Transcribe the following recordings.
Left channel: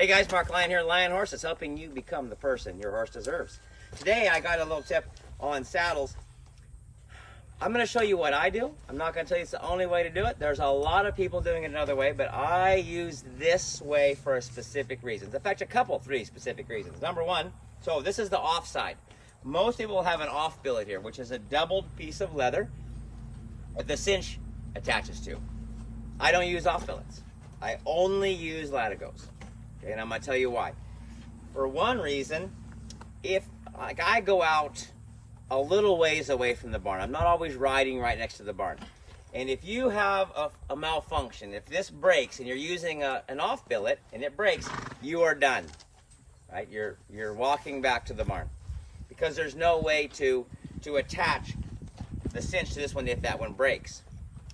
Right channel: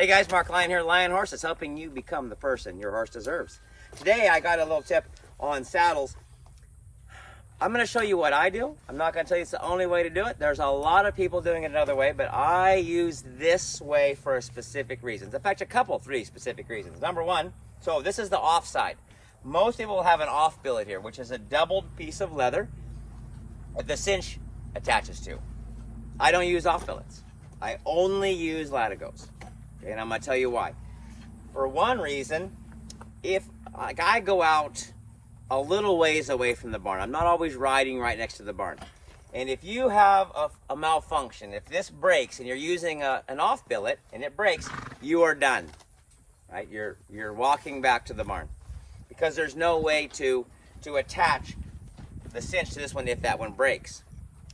Hey guys, Mark Lyon here, Lion Horses, helping you become the person your horse deserves. Today I got a little tip on saddles. I'm going to show you what I do. I'm not going to tell you it's the only way to do it. There's a lot of people doing it another way, but I use this way for a specific reason. In fact, three specific reasons. Number one, so this is the off side. Most people will have an off billet here, which is a doubled piece of leather that the cinch attaches to. I don't use off billets. I only use Latigos. Okay, and I'm going to tell you why. For one reason, if I go out a little ways away from the barn, I'm not always riding right next to the barn. And if you have a malfunction, if this breaks and you're using an off billet and it breaks, you are done. Right? You're walking back to the barn because there's no way to attach the cinch to this one if that one breaks.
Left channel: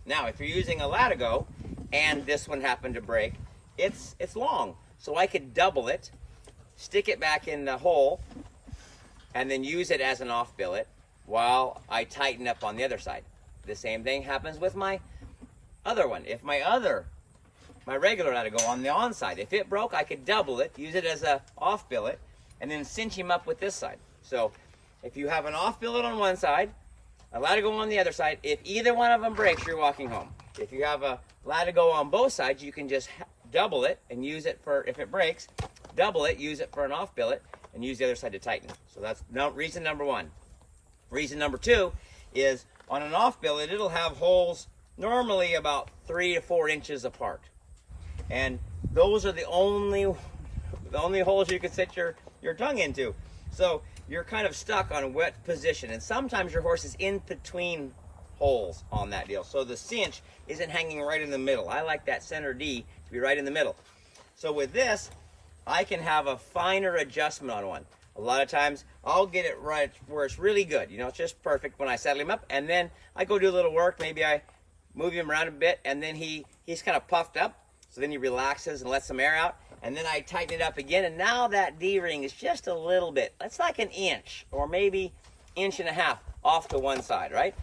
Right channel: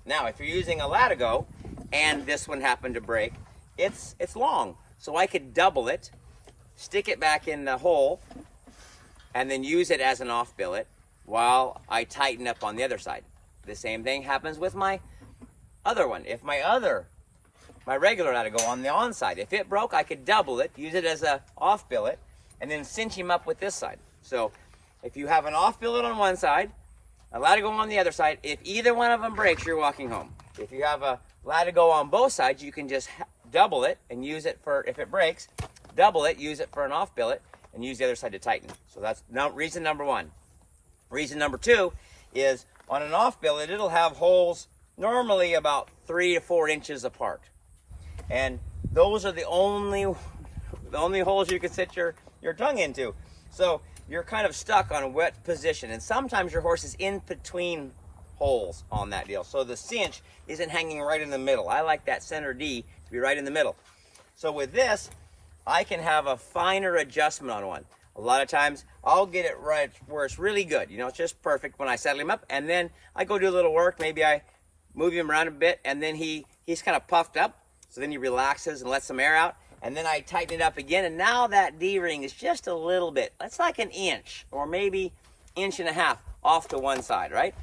Now, if you're using a Latigo and this one happened to break, it's long. So I could double it, stick it back in the hole, and then use it as an off billet while I tighten up on the other side. The same thing happens with my other one. If my regular Latigo on the on side, if it broke, I could double it, use it as a off billet, and then cinch him up with this side. So if you have an off billet on one side, a Latigo on the other side, if either one of them breaks, you're walking home. If you have a Latigo on both sides, you can just double it and use it for, if it breaks, double it, use it for an off billet, and use the other side to tighten. So that's reason number one. Reason number two is on an off billet, it'll have holes normally about 3 to 4 inches apart. And those are the only holes you can sit your tongue into. So you're kind of stuck on a wet position. And sometimes your horse is in between holes on that deal. So the cinch isn't hanging right in the middle. I like that center D to be right in the middle. So with this, I can have a finer adjustment on one. A lot of times I'll get it right where it's really good. You know, it's just perfect when I settle him up. And then I go do a little work. Maybe I move him around a bit and then he's kind of puffed up. So then he relaxes and lets some air out. And then I tighten it up again. And now that D-ring is just a little bit, that's like an inch or maybe inch and a half off to one side, right?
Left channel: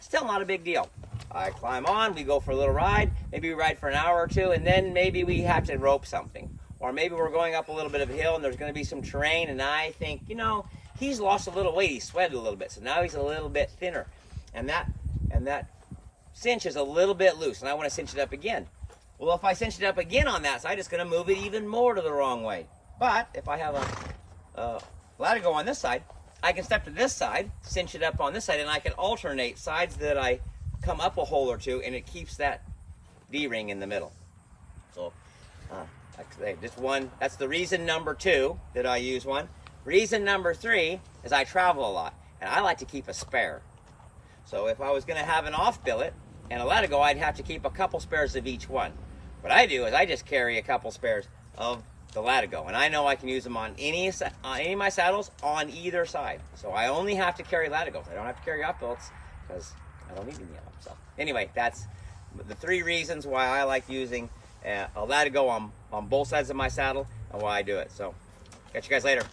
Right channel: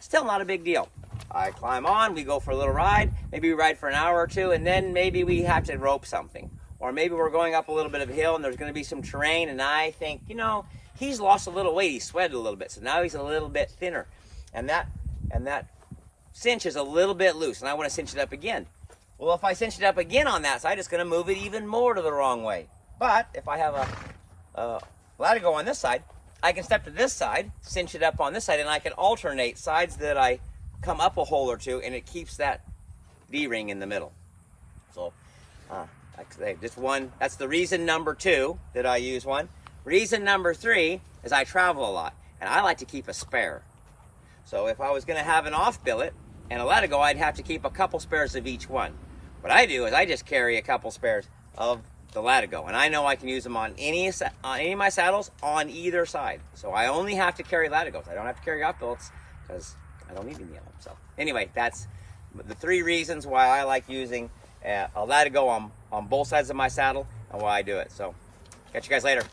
Still not a big deal. I climb on, we go for a little ride, maybe we ride for an hour or two, and then maybe we have to rope something. Or maybe we're going up a little bit of a hill and there's going to be some terrain, and I think, you know, he's lost a little weight, he sweated a little bit, so now he's a little bit thinner. And that cinch is a little bit loose, and I want to cinch it up again. Well, if I cinch it up again on that side, it's going to move it even more to the wrong way. But if I have a Latigo on this side, I can step to this side, cinch it up on this side, and I can alternate sides that I come up a hole or two, and it keeps that D-ring in the middle. So, like I say, just one, that's the reason number two that I use one. Reason number three is I travel a lot, and I like to keep a spare. So if I was going to have an off billet and a Latigo, I'd have to keep a couple spares of each one. What I do is I just carry a couple spares of the Latigo, and I know I can use them on any of my saddles on either side. So I only have to carry Latigos. I don't have to carry off billets because I don't need any of them. So anyway, that's the 3 reasons why I like using a Latigo on both sides of my saddle and why I do it. So catch you guys later.